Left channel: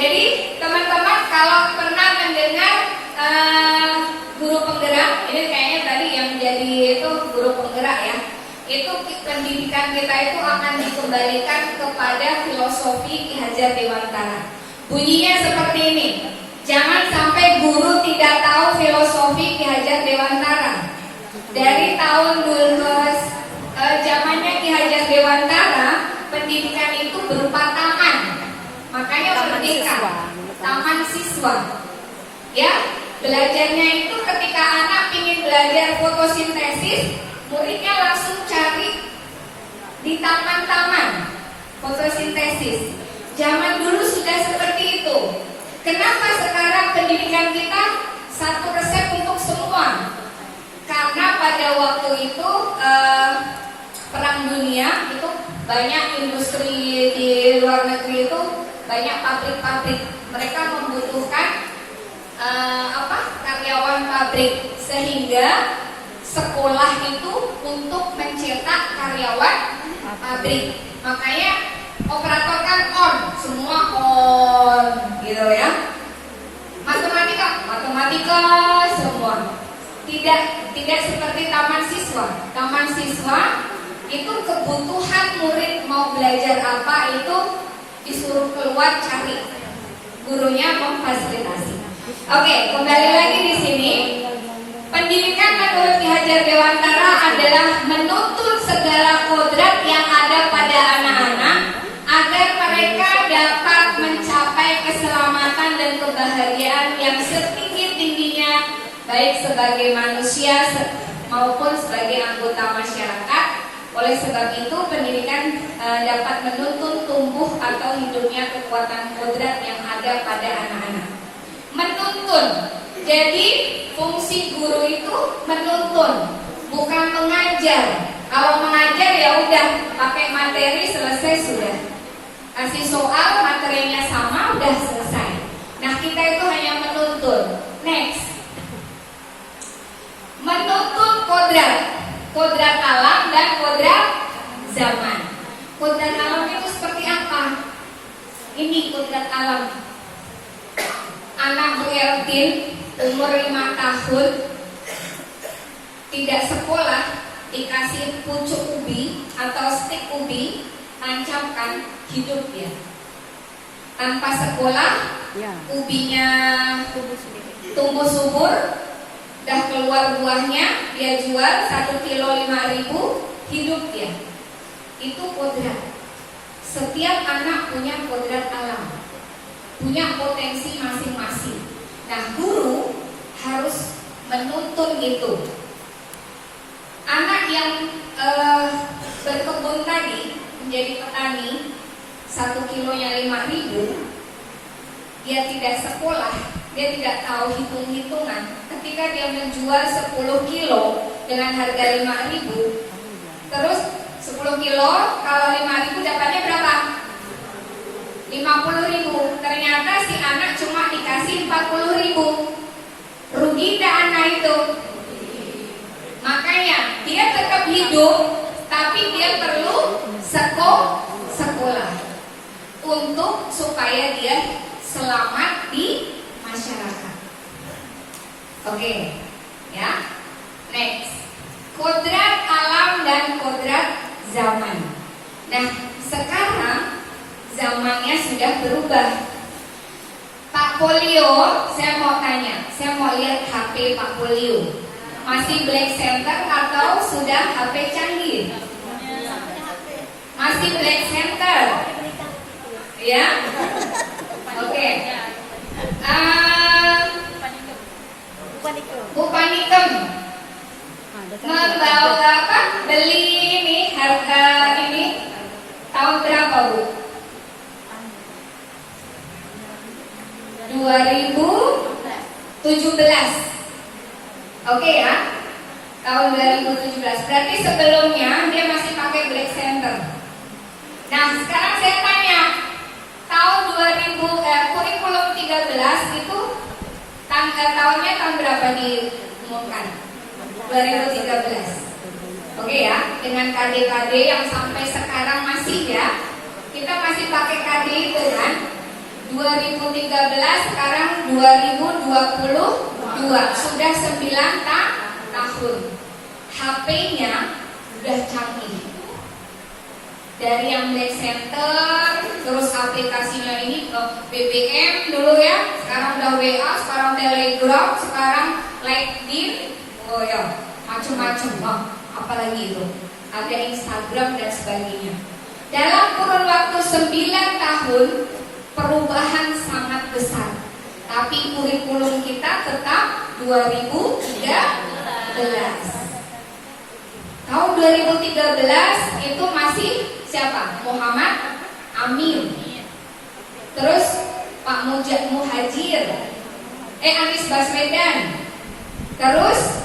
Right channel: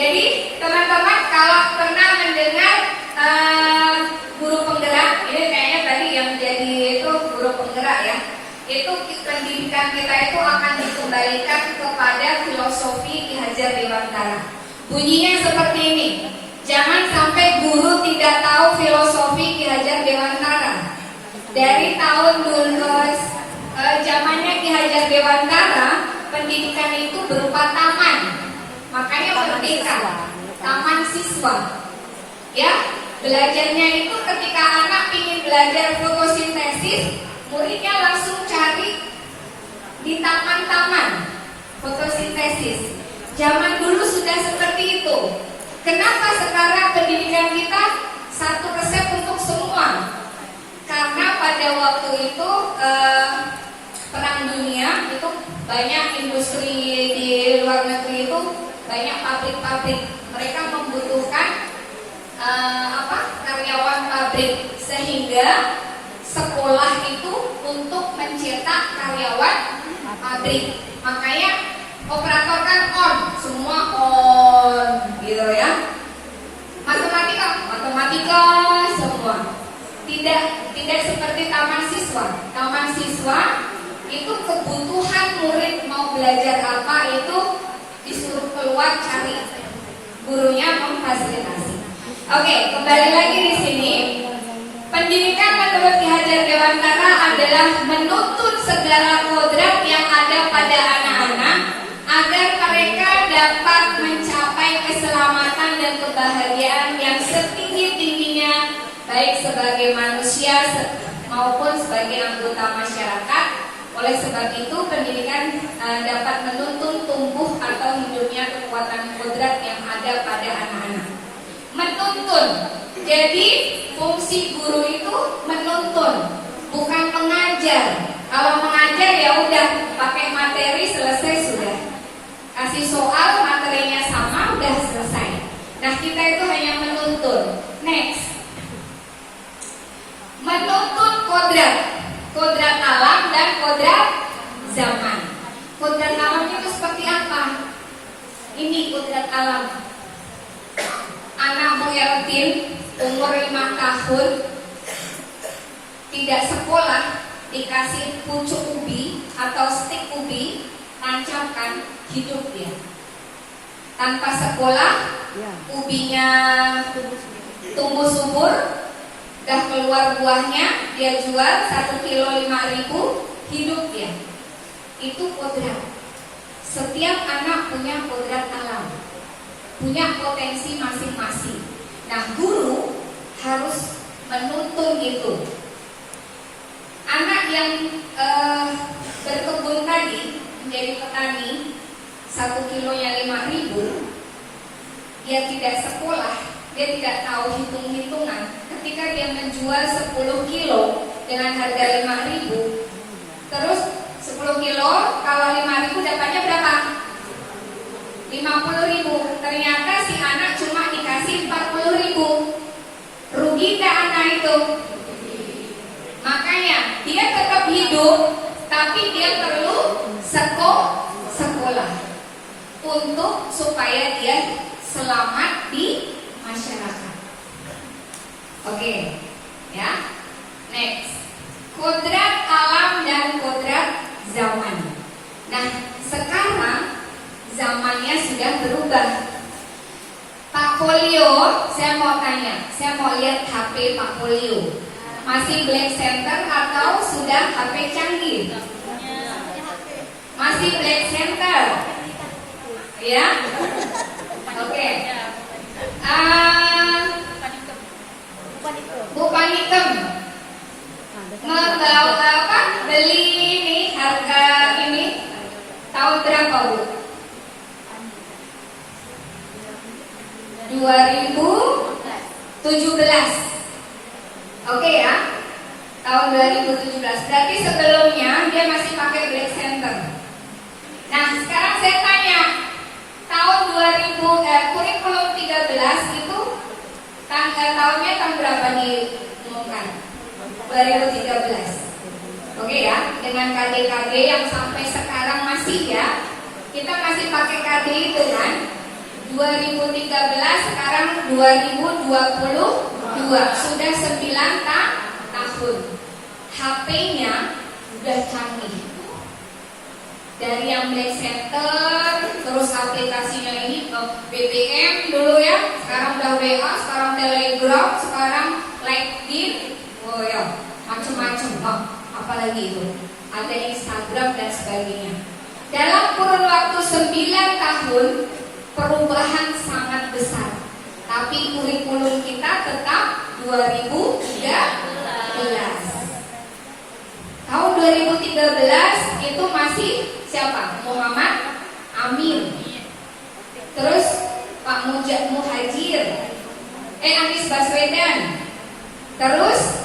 Jadi teman-teman kalau pernah mendengar guru penggerak, ini kayaknya tadi yang jadi itu guru penggerak ya. Itu pendidikan kita itu akan dikembalikan kepada filosofi Ki Hajar Dewantara. Bunyinya seperti ini. Jangan sampai guru tidak tahu filosofi Ki Hajar Dewantara. Dari tahun dulu zamannya Ki Hajar Dewantara, pendidikan itu berupa taman. Makanya merdeka, taman siswa. Ya, belajarnya itu ketika anak ingin belajar fotosintesis, muridnya langsung cari di taman-taman fotosintesis. Zaman dulu sudah seperti itu. Kenapa sekarang pendidikan kita satu resep untuk semua? Karena pada waktu itu perang dunia itu banyak industri di luar negeri itu banyak pabrik-pabrik. Mereka membutuhkan karyawan pabrik, sehingga sekolah itu untuk mencetak karyawan pabrik. Makanya operator kan on, semua on, gitu ya. Matematika semua. Tidak seperti taman siswa. Taman siswa itu kebutuhan murid mau belajar apa itu disuruh keluar cari. Gurunya memfasilitasi. Oke, kembali lagi di sini. Pendidikan menurut Ki Hajar Dewantara adalah menuntut segala kodrat yang ada pada anak-anak agar mereka dapat mencapai keselamatan dan kebahagiaan yang setinggi-tingginya, baik sebagai manusia maupun sebagai anggota masyarakat. Oleh sebab itu, pendidikan dapat menuntun tumbuh atau hidupnya kekuatan kodrat yang ada pada anak-anak. Menuntun. Jadi fungsi guru itu menuntun, bukan mengajar. Kalau mengajar ya udah pakai materi selesai sudah. Kasih soal materinya sama udah selesai. Nah, kita itu hanya menuntun. Next. Menuntun kodrat. Kodrat alam dan kodrat zaman. Kodrat alam itu seperti apa? Ini kodrat alam. Anak Bu Eltin umur 5 tahun tidak sekolah, dikasih pucuk ubi atau stik ubi, tancapkan, hidup dia. Tanpa sekolah, ubinya tumbuh subur, dah keluar buahnya, dia jual 1 kilo 5.000, hidup dia. Itu kodrat. Setiap anak punya kodrat alam, punya potensi masing-masing. Nah, guru harus menuntun itu. Anak yang berkebun tadi menjadi petani, 1 kilonya 5.000, dia tidak sekolah, dia tidak tahu hitung-hitungan. Ketika dia menjual 10 kilo dengan harga 5.000, terus 10 kilo kalau 5.000 dapatnya berapa? 50.000. Ternyata si anak cuma dikasih 40.000. Rugi tak anak itu? Makanya dia tetap hidup, tapi dia perlu sekolah untuk supaya dia selamat di masyarakat. Oke, ya. Next. Kodrat alam dan kodrat zaman. Nah, sekarang zamannya sudah berubah. Pak Polio, saya mau tanya, saya mau lihat HP Pak Polio. Masih black center atau sudah HP canggih? Masih black center. Ya? Oke. Bu Panikem, beli ini harga ini tahun berapa, Bu? 2017. Oke ya, tahun 2017. Berarti sebelumnya dia masih pakai black center. Nah, sekarang saya tanya, tahun kurikulum 13 itu tahunnya tahun berapa diumumkan? 2013. Oke ya, dengan KD-KD yang sampai sekarang masih ya, kita masih pakai KD itu kan. 2013 sekarang 2022, sudah 9 tahun. HP-nya udah canggih. Dari yang Black Center, terus aplikasinya ini BBM dulu ya, sekarang udah WA, sekarang udah Telegram, sekarang LinkedIn, oh ya, macam-macam. Wah, apalagi itu, ada Instagram dan sebagainya. Dalam kurun waktu 9 tahun, perubahan sangat besar. Tapi kurikulum kita tetap 2013. Tahun 2013 itu masih siapa? Muhammad Amin. Terus Pak Muhajir, Anies Baswedan. Terus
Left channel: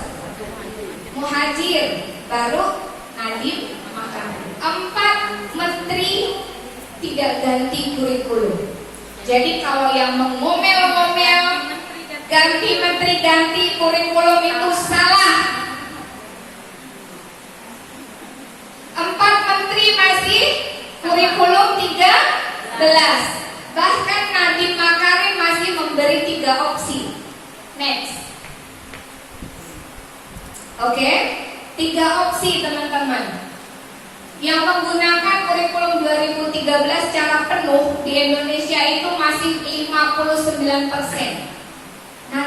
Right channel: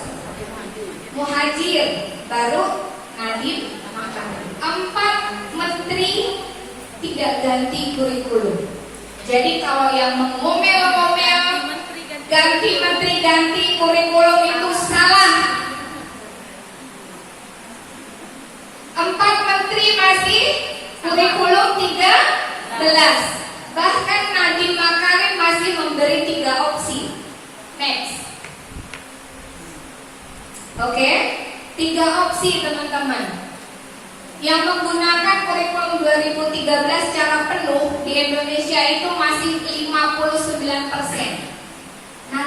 Muhajir, baru Nadiem Makarim. 4 menteri tidak ganti kurikulum. Jadi kalau yang mengomel-ngomel ganti menteri ganti kurikulum itu salah. 4 menteri masih kurikulum 13. Bahkan Nadiem Makarim masih memberi 3 opsi. Next. Oke, 3 opsi teman-teman. Yang menggunakan kurikulum 2013 secara penuh di Indonesia itu masih 59%. Nah,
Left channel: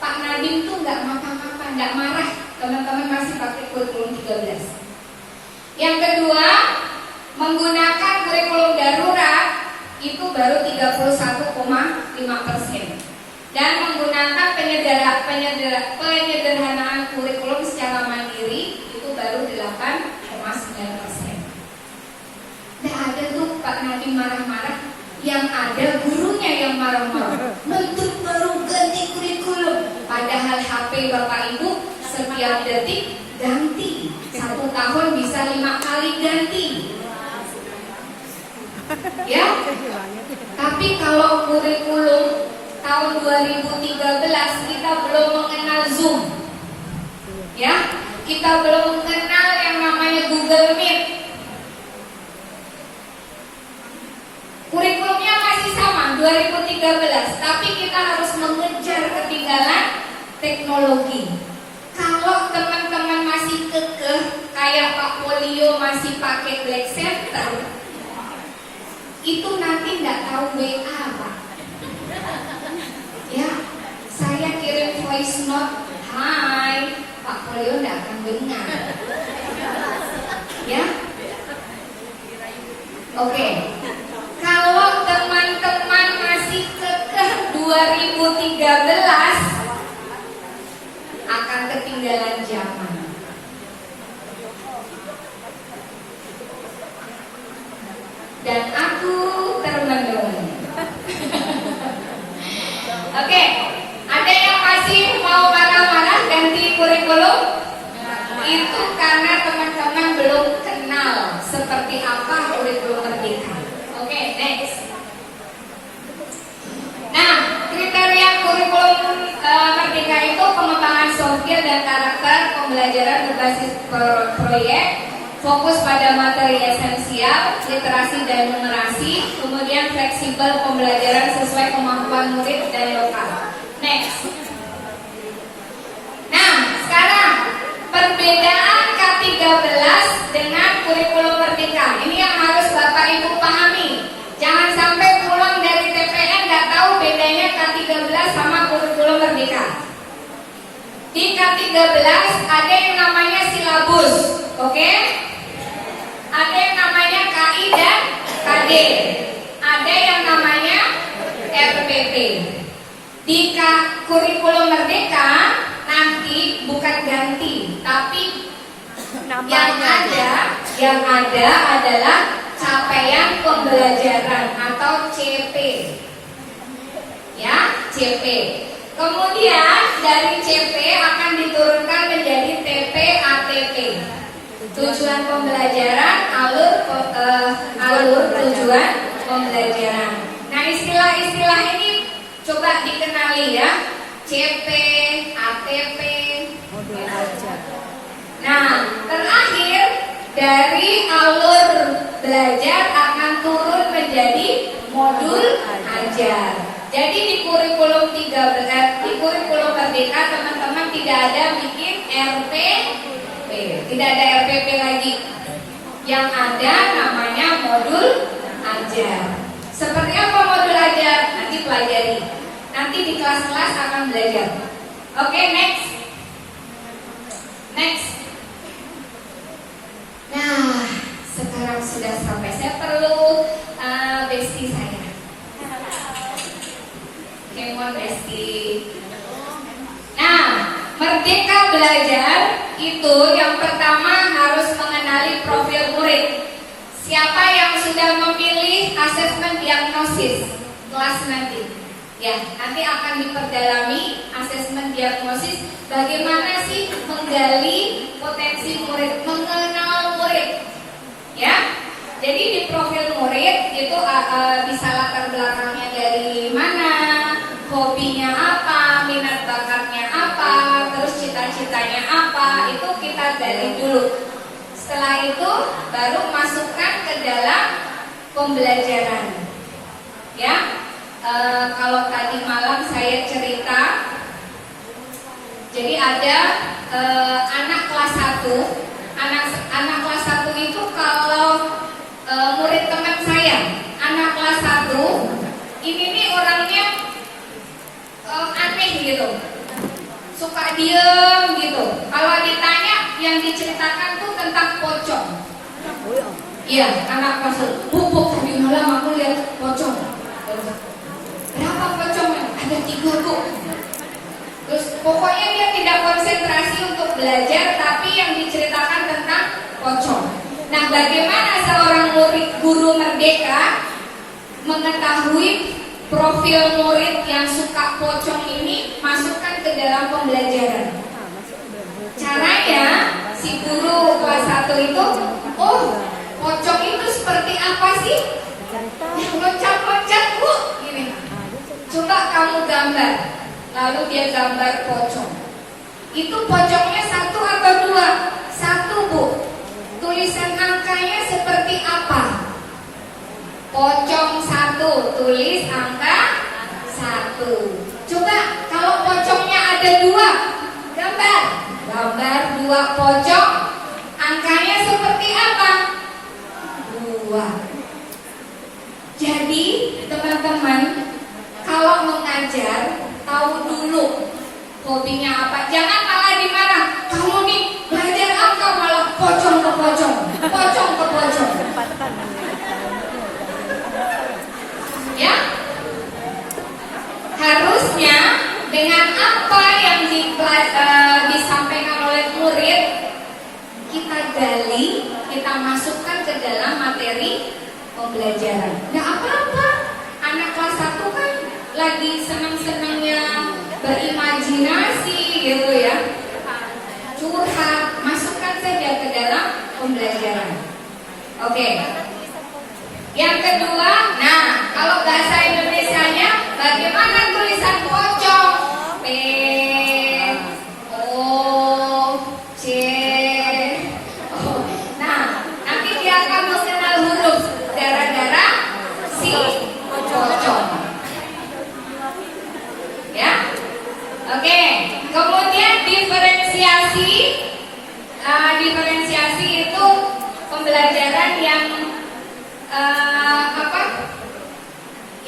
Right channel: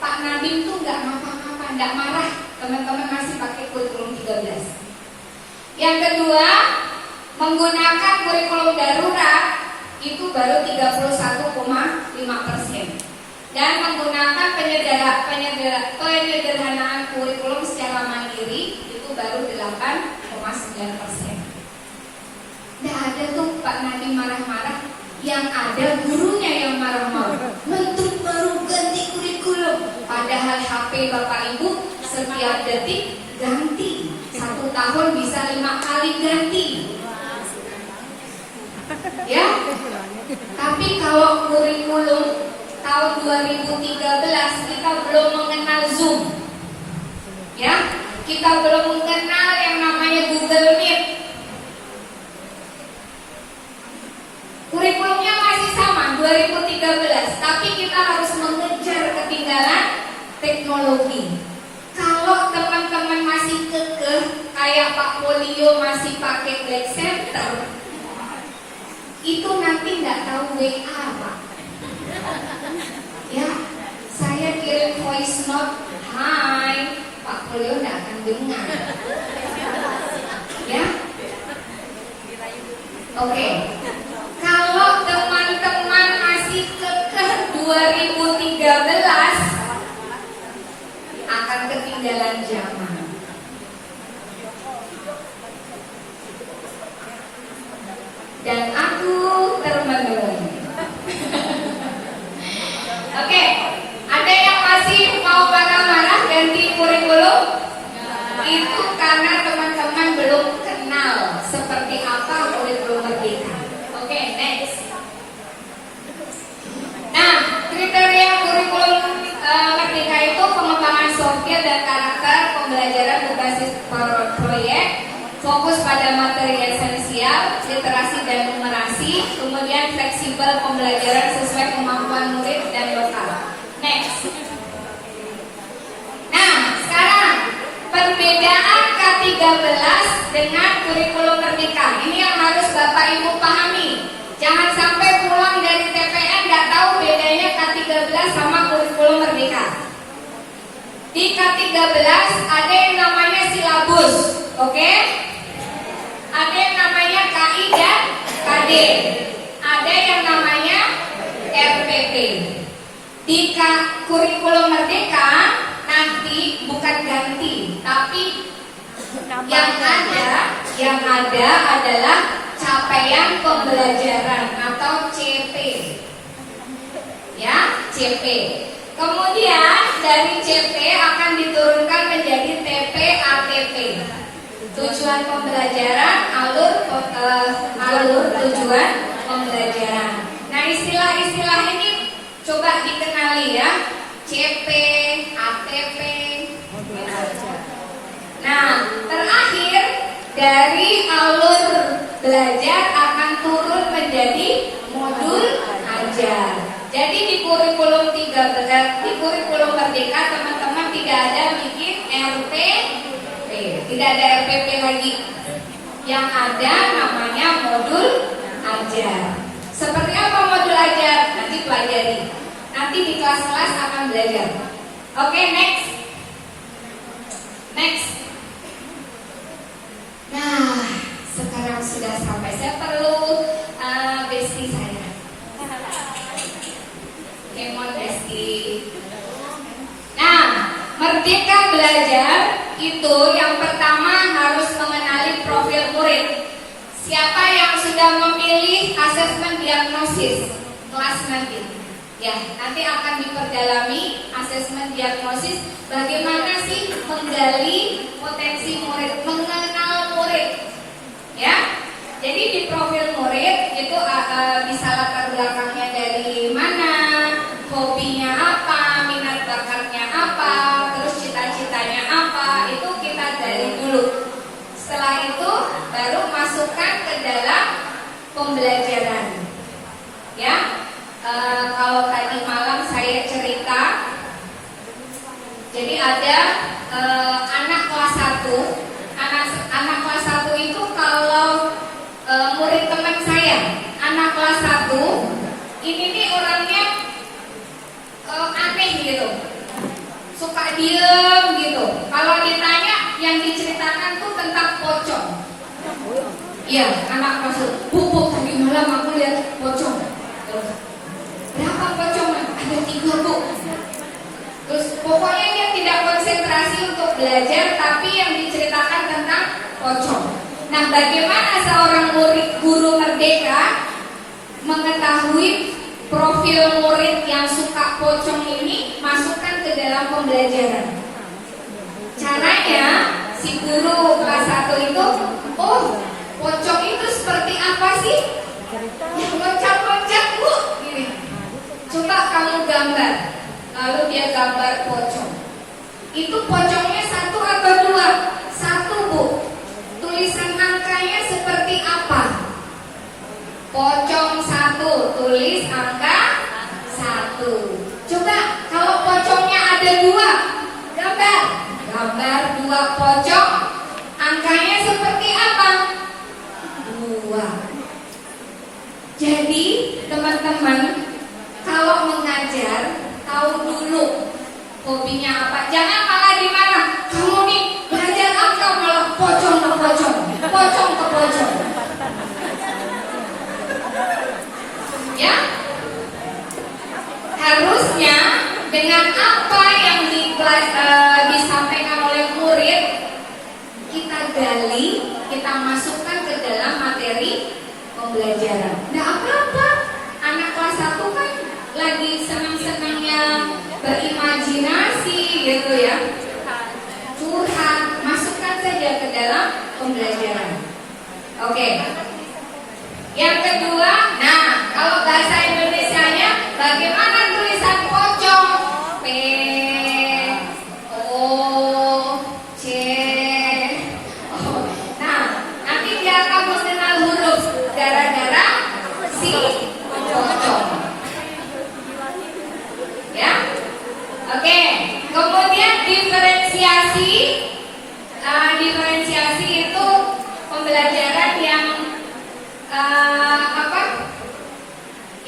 Pak Nadiem tuh nggak apa-apa, nggak marah. Teman-teman masih pakai kurikulum 13. Yang kedua, menggunakan kurikulum darurat itu baru 31,5%. Dan menggunakan penyederhanaan kurikulum secara mandiri itu baru 8,9%. Nggak ada tuh Pak Nadiem marah-marah, yang ada gurunya yang marah-marah. Menteri baru ganti kurikulum, padahal HP Bapak Ibu setiap detik ganti. 1 tahun bisa 5 kali ganti. Ya. Tapi kalau kurikulum tahun 2013 kita belum mengenal Zoom. Ya, kita belum mengenal yang namanya Google Meet. Kurikulumnya masih sama 2013, tapi kita harus mengejar ketinggalan teknologi. Kalau teman-teman masih kekeh kayak Pak Polio masih pakai Black Center, itu nanti nggak tahu WA, Pak. Ya, saya kirim voice note, hai, Pak Polio nggak akan dengar. Ya, oke. Kalau teman-teman masih kekeh 2013, akan ketinggalan zaman. Dan aku termenung. Oke, ada yang masih mau marah-marah ganti kurikulum? Itu karena teman-teman belum kenal seperti apa kurikulum merdeka. Oke, next. Nah, kriteria kurikulum merdeka itu pengembangan soft skill dan karakter, pembelajaran berbasis proyek, fokus pada materi esensial, literasi dan numerasi, kemudian fleksibel pembelajaran sesuai kemampuan murid dan lokal. Next. Nah, sekarang perbedaan K13 dengan kurikulum merdeka. Ini yang harus Bapak Ibu pahami. Jangan sampai pulang dari TPN nggak tahu bedanya K13 sama kurikulum merdeka. Di K13 ada yang namanya silabus, oke? Ada yang namanya KI dan KD. Ada yang namanya RPP. Di kurikulum merdeka nanti bukan ganti, tapi yang ada adalah capaian pembelajaran atau CP. Ya, CP. Kemudian dari CP akan diturunkan menjadi TP ATP. Tujuan pembelajaran, alur tujuan pembelajaran. Nah, istilah-istilah ini coba dikenali ya. CP, ATP. Nah, terakhir dari alur belajar akan turun menjadi modul ajar. Jadi di kurikulum 13, di kurikulum Merdeka teman-teman tidak ada bikin RPP, tidak ada RPP lagi. Yang ada namanya modul ajar. Seperti apa modul ajar? Nanti pelajari. Nanti di kelas-kelas akan belajar. Oke, next. Nah, sekarang sudah sampai. Saya perlu bestie saya. Kemon bestie. Nah, Merdeka Belajar itu yang pertama harus mengenali profil murid. Siapa yang sudah memilih asesmen diagnosis kelas nanti? Ya, nanti akan diperdalami asesmen diagnosis. Bagaimana sih menggali potensi murid, mengenal murid? Ya, jadi di profil murid itu bisa latar belakangnya dari mana, hobinya apa, minat bakatnya apa, terus cita-citanya apa, itu kita gali dulu. Setelah itu baru masukkan ke dalam pembelajaran. Ya, kalau tadi malam saya cerita, jadi ada anak kelas 1, anak kelas 1 itu kalau murid teman saya, anak kelas 1 ini nih orangnya aneh gitu, suka diem gitu. Kalau ditanya yang diceritakan tuh tentang pocong. Iya, anak kelas 1, Bu, tadi malam aku lihat pocong. Berapa pocong? Ada 3, Bu. Terus pokoknya dia tidak konsentrasi untuk belajar, tapi yang diceritakan tentang pocong. Nah, bagaimana seorang guru merdeka mengetahui profil murid yang suka pocong ini, masukkan ke dalam pembelajaran? Caranya, si guru kelas 1 itu, oh, pocong itu seperti apa sih? Yang loncat-loncat, Bu, gini. Coba kamu gambar. Lalu dia gambar pocong. Itu pocongnya 1 atau 2? 1, Bu. Tulisan angkanya seperti apa? Pocong 1, tulis angka 1. Coba kalau pocongnya ada 2, gambar 2 pocong, angkanya seperti apa? 2. Jadi teman-teman, kalau mengajar tahu dulu hobinya apa. Jangan malah dimarah. Kamu nih belajar apa malah pocong ke pocong, pocong ke pocong. Ya, harusnya dengan apa yang disampaikan oleh murid, kita gali, kita masukkan ke dalam materi pembelajaran. Nah, apa-apa anak kelas 1 kan lagi senang-senangnya berimajinasi gitu ya, curhat, masukkan saja ke dalam pembelajaran. Oke. Yang kedua, nah kalau bahasa Indonesianya bagaimana tulisan pocong? P O C O. Nah, nanti dia akan mengenal huruf gara-gara si pocong. Ya, oke. Kemudian diferensiasi, diferensiasi itu pembelajaran yang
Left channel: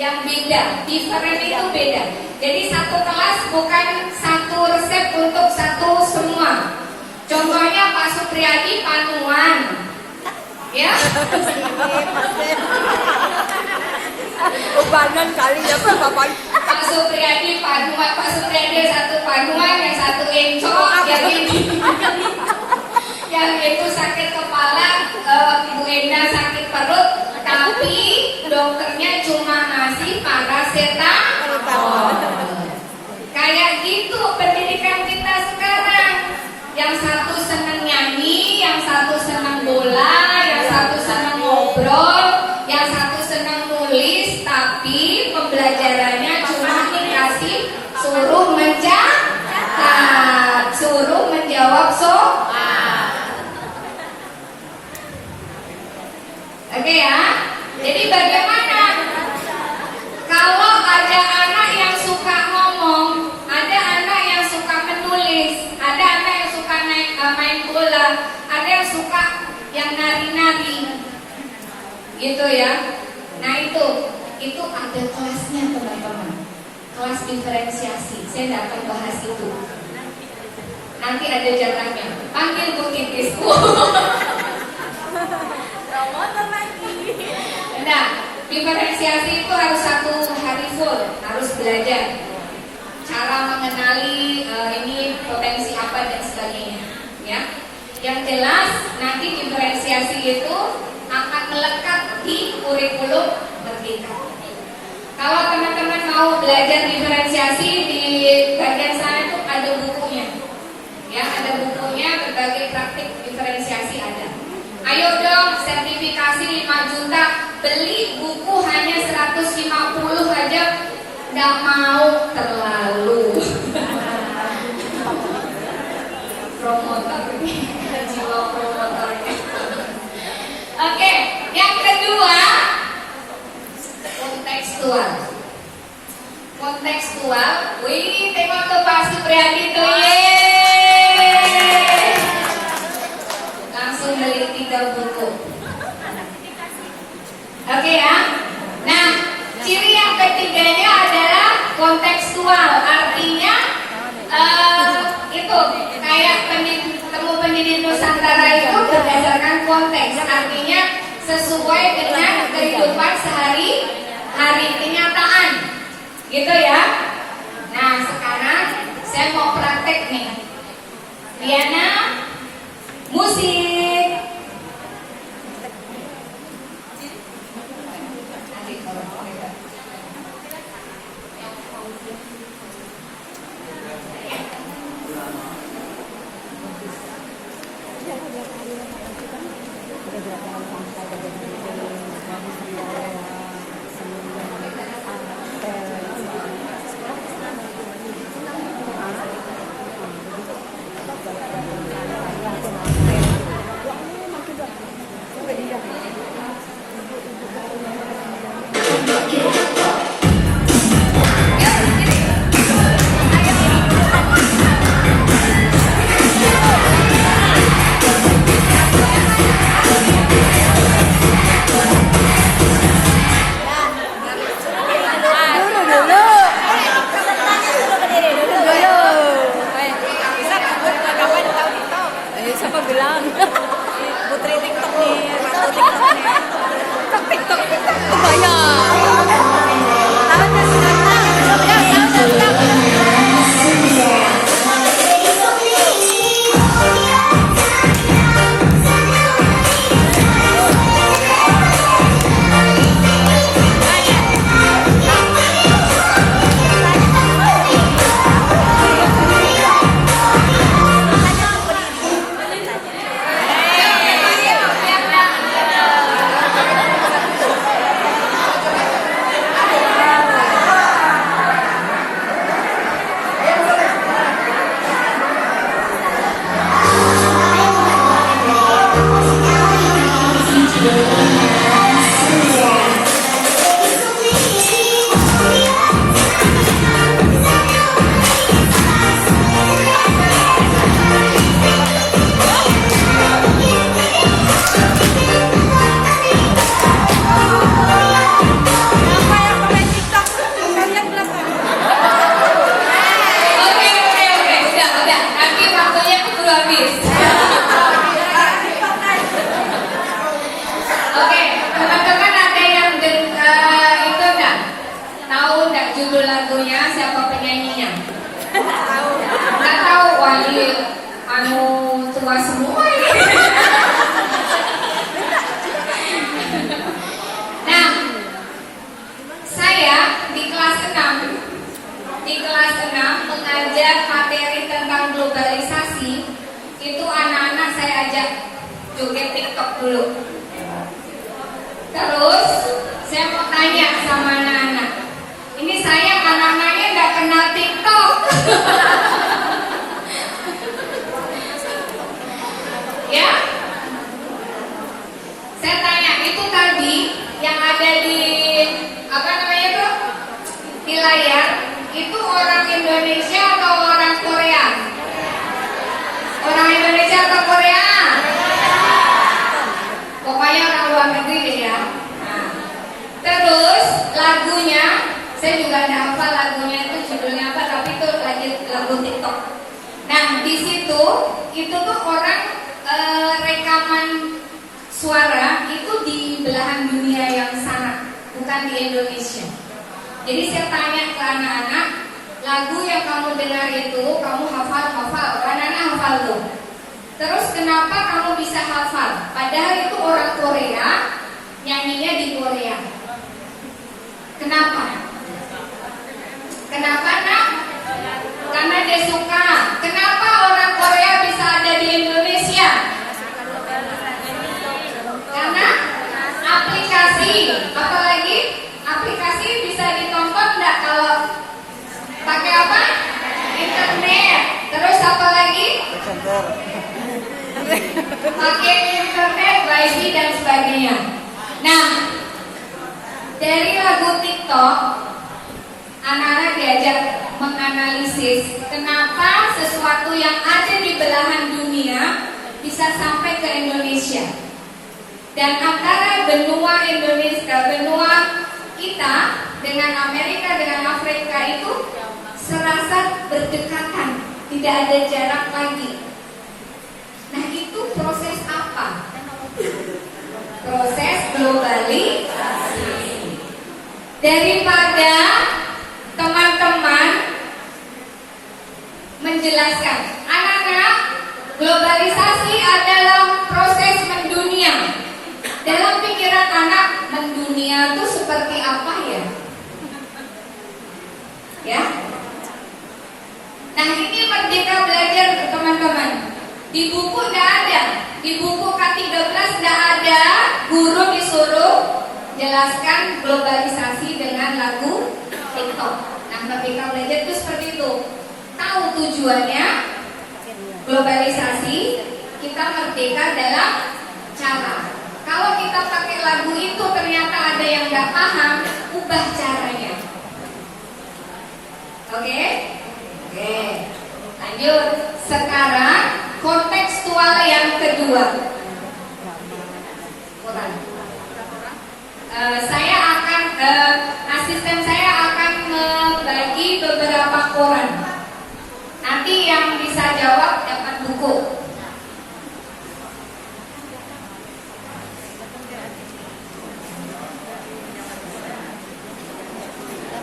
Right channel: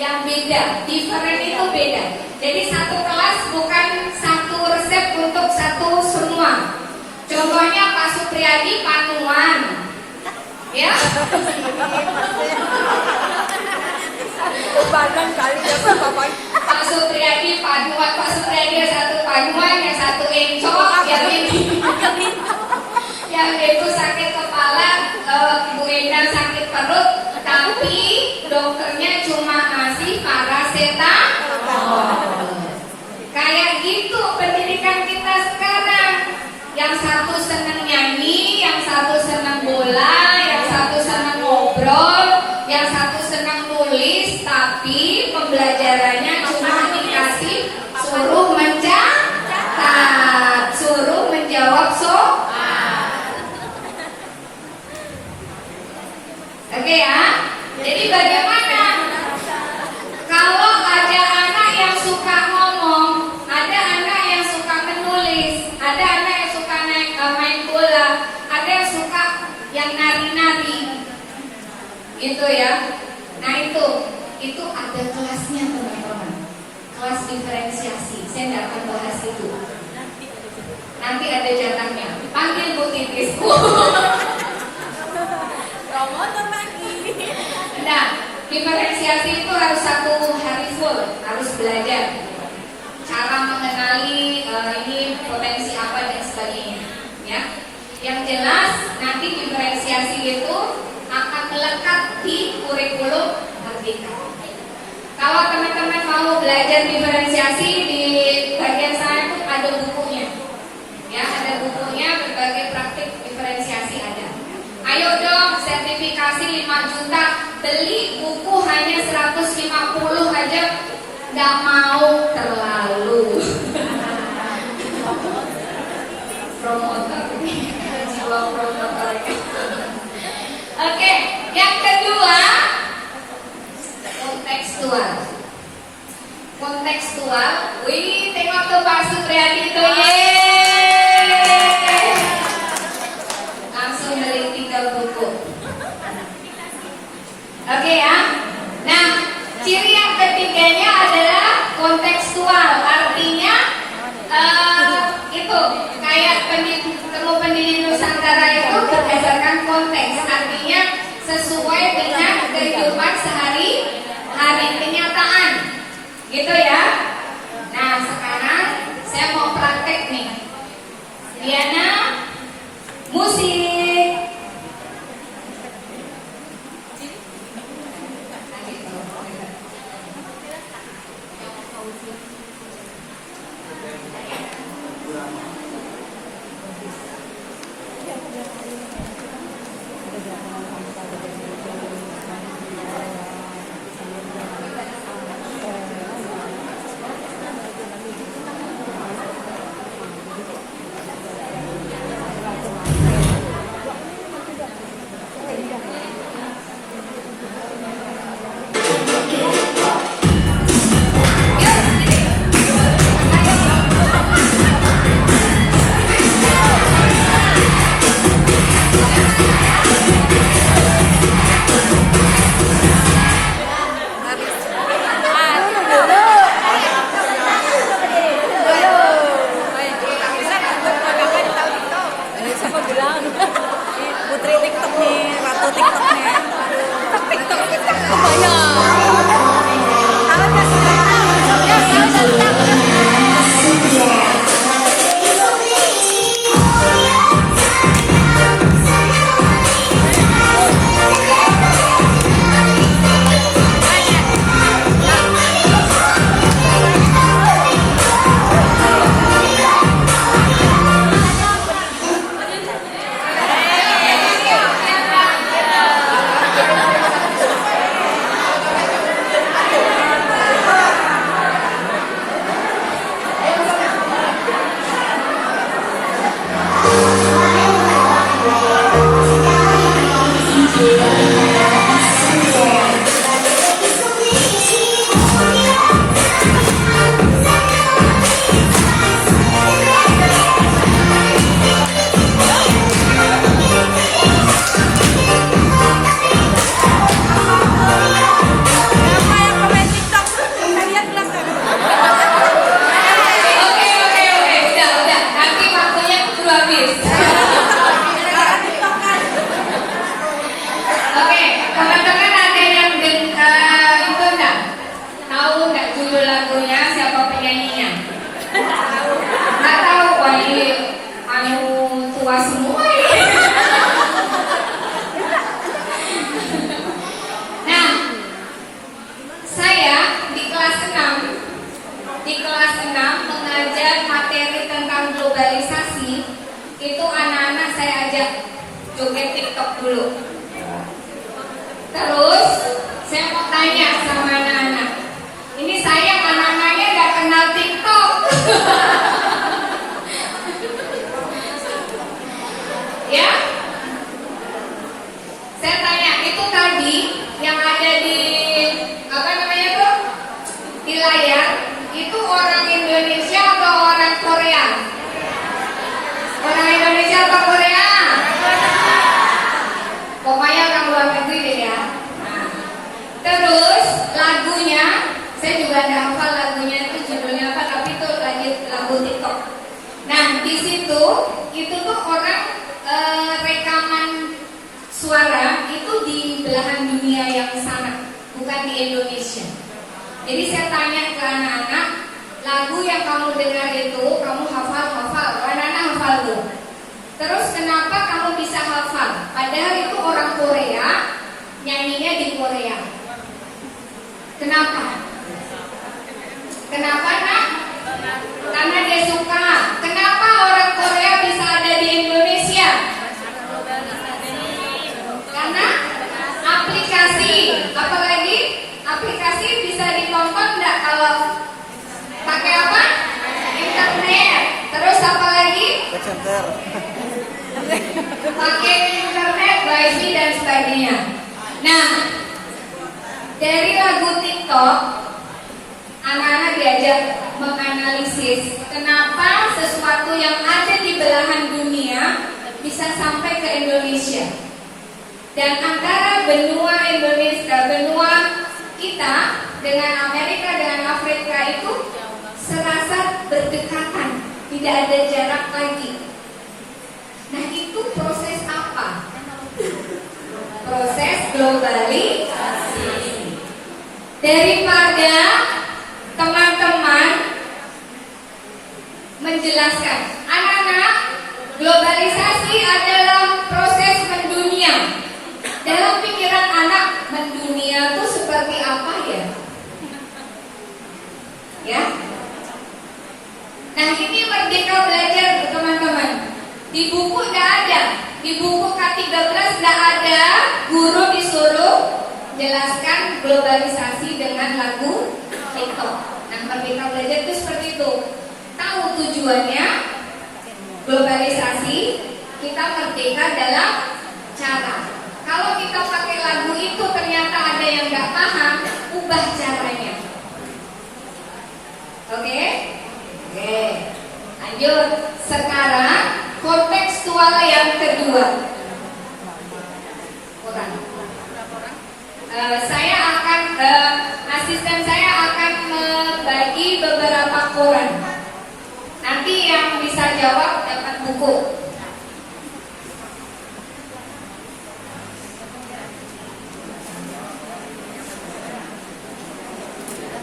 yang beda. Diferen itu beda. Jadi satu kelas bukan satu resep untuk satu semua. Contohnya Pak Supriyadi panuan, ya. Badan kali ya Bapak. Pak Supriyadi paduan, Pak Supriyadi satu paduan, yang satu encok, yang itu sakit kepala, Ibu Enda sakit perut, tapi dokternya cuma ngasih paracetamol. Kayak gitu pendidikan kita sekarang. Yang satu senang nyanyi, yang satu senang bola, yang satu senang ngobrol, yang satu senang nulis, tapi pembelajarannya cuma dikasih suruh mencatat, suruh menjawab soal. Oke ya. Jadi bagaimana? gitu ya. Nah itu ada kelasnya teman-teman, kelas diferensiasi. Saya tidak akan bahas itu. Nanti ada jatahnya. Panggil Bu Titisku. Nah, diferensiasi itu harus 1 hari full, harus belajar cara mengenali ini potensi apa dan sebagainya. Ya, yang jelas nanti diferensiasi itu akan melekat di kurikulum merdeka. Kalau teman-teman mau belajar diferensiasi, di bagian saya itu ada bukunya. Ya, ada bukunya, berbagai praktik diferensiasi ada. Ayo dong, sertifikasi 5 juta, beli buku hanya 150 aja, nggak mau, terlalu. Promotor ini, jiwa promotor. Oke, yang kedua, kontekstual. Kontekstual, wih, tengok tuh Pak Supriyadi tuh, langsung beli 3 buku. Oke ya. Nah, ciri yang ketiganya adalah kontekstual. Artinya itu kayak temu pendiri Nusantara itu berdasarkan konteks. Artinya sesuai dengan kehidupan sehari-hari, kenyataan. Gitu ya. Nah, sekarang saya mau praktek nih. Diana, musik. joget TikTok dulu. Terus saya mau tanya sama anak-anak, ini saya anak-anaknya nggak kenal TikTok. Ya, saya tanya itu tadi yang ada di apa namanya tuh di layar itu orang Indonesia atau orang Korea? Orang Indonesia atau Korea? Pokoknya orang luar negeri deh ya. itu tuh orang rekaman suara itu di belahan dunia yang sana, bukan di Indonesia. Jadi saya tanya ke anak-anak, lagu yang kamu dengar itu kamu hafal, anak-anak hafal tuh. Terus kenapa kamu bisa hafal? Padahal itu orang Korea, nyanyinya di Korea. Kenapa? Kenapa nak? Karena dia suka. Kenapa orang Korea bisa ada di Indonesia? Karena aplikasi. Apalagi aplikasi bisa ditonton enggak kalau pakai apa? Internet. Terus apa lagi? Pakai internet, wifi dan sebagainya. Nah, dari lagu TikTok, anak-anak diajak menganalisis kenapa sesuatu yang ada di belahan dunia bisa sampai ke Indonesia. Dan antara benua Indonesia, benua kita dengan Amerika, dengan Afrika itu serasa berdekatan, tidak ada jarak lagi. Nah, itu proses apa? Proses globalisasi. Daripada teman-teman menjelaskan, anak-anak, globalisasi adalah proses mendunia. Dalam pikiran anak, mendunia itu seperti apa ya? Ya. Nah, ini Merdeka Belajar teman-teman. Di buku tidak ada, di buku K13 tidak ada guru disuruh jelaskan globalisasi dengan lagu TikTok. Nah, Merdeka Belajar itu seperti itu. Tahu tujuannya globalisasi, kita merdeka dalam cara. Kalau kita pakai lagu itu ternyata ada yang nggak paham, ubah caranya. Oke? Oke. Lanjut. Sekarang kontekstual yang kedua. Saya akan asisten saya akan membagi beberapa koran. Nanti yang bisa jawab dapat buku.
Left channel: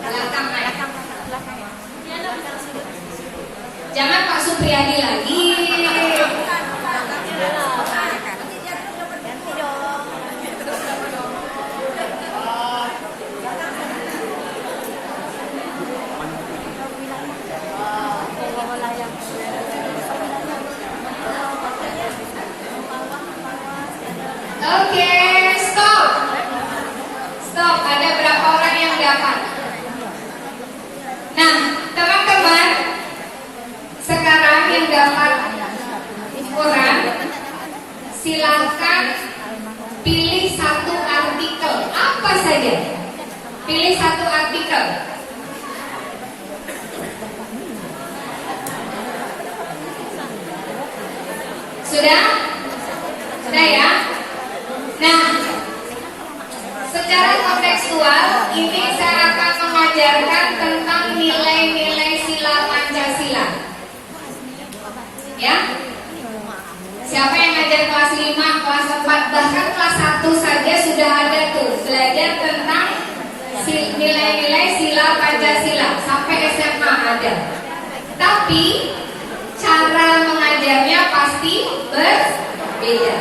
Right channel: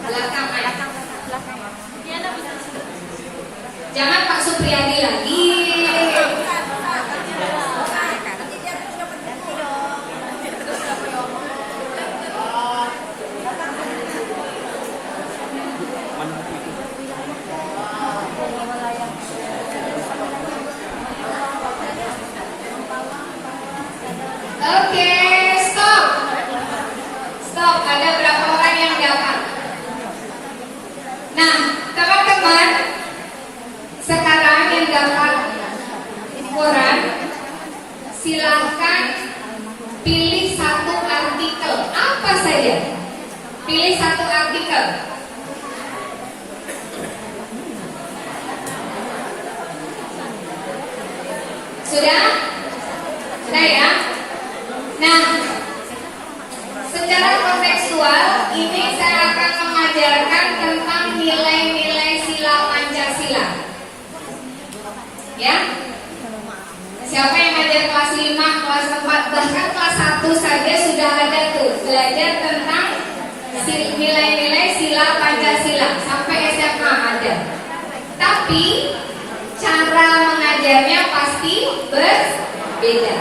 Belakang ya. Jangan Pak Supriyadi lagi. Oke, stop. Stop, ada berapa orang yang dapat? Nah, teman-teman, sekarang yang dapat koran, silakan pilih satu artikel, apa saja. Pilih satu artikel. Sudah? Sudah ya? Nah, secara kontekstual ini saya akan mengajarkan tentang nilai-nilai sila Pancasila. Ya? Siapa yang ngajar kelas 5, kelas 4, bahkan kelas 1 saja sudah ada tuh belajar tentang nilai-nilai sila Pancasila, sampai SMA ada. Tapi cara mengajarnya pasti berbeda.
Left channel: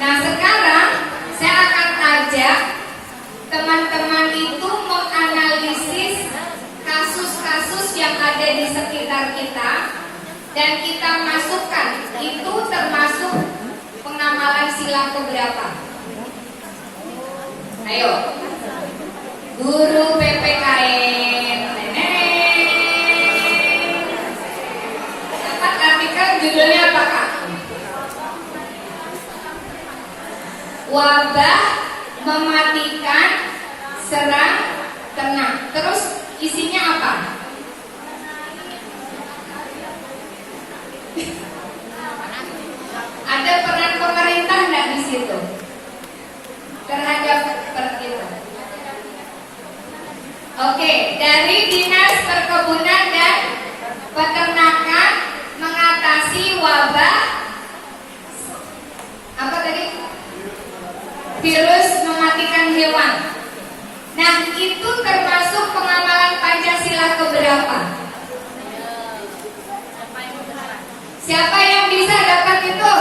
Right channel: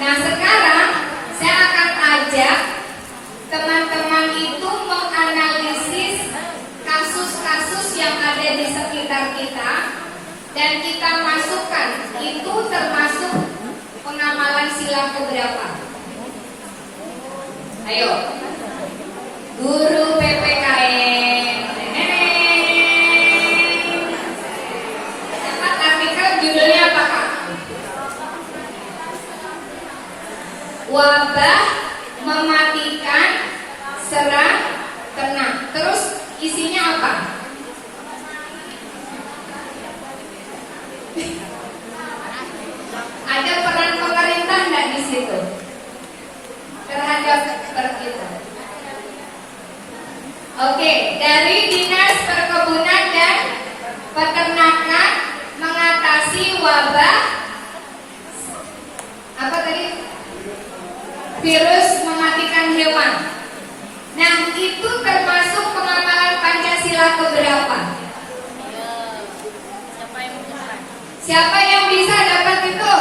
Nah, sekarang saya akan ajak teman-teman itu menganalisis kasus-kasus yang ada di sekitar kita dan kita masukkan itu termasuk pengamalan sila keberapa. Ayo, guru PPKN. Dapat artikel judulnya apa Kak? Wabah mematikan serang ternak. Terus isinya apa? Ada peran pemerintah enggak di situ terhadap seperti itu? Oke, dari Dinas Perkebunan dan Peternakan mengatasi wabah berapa? Siapa yang bisa dapat itu?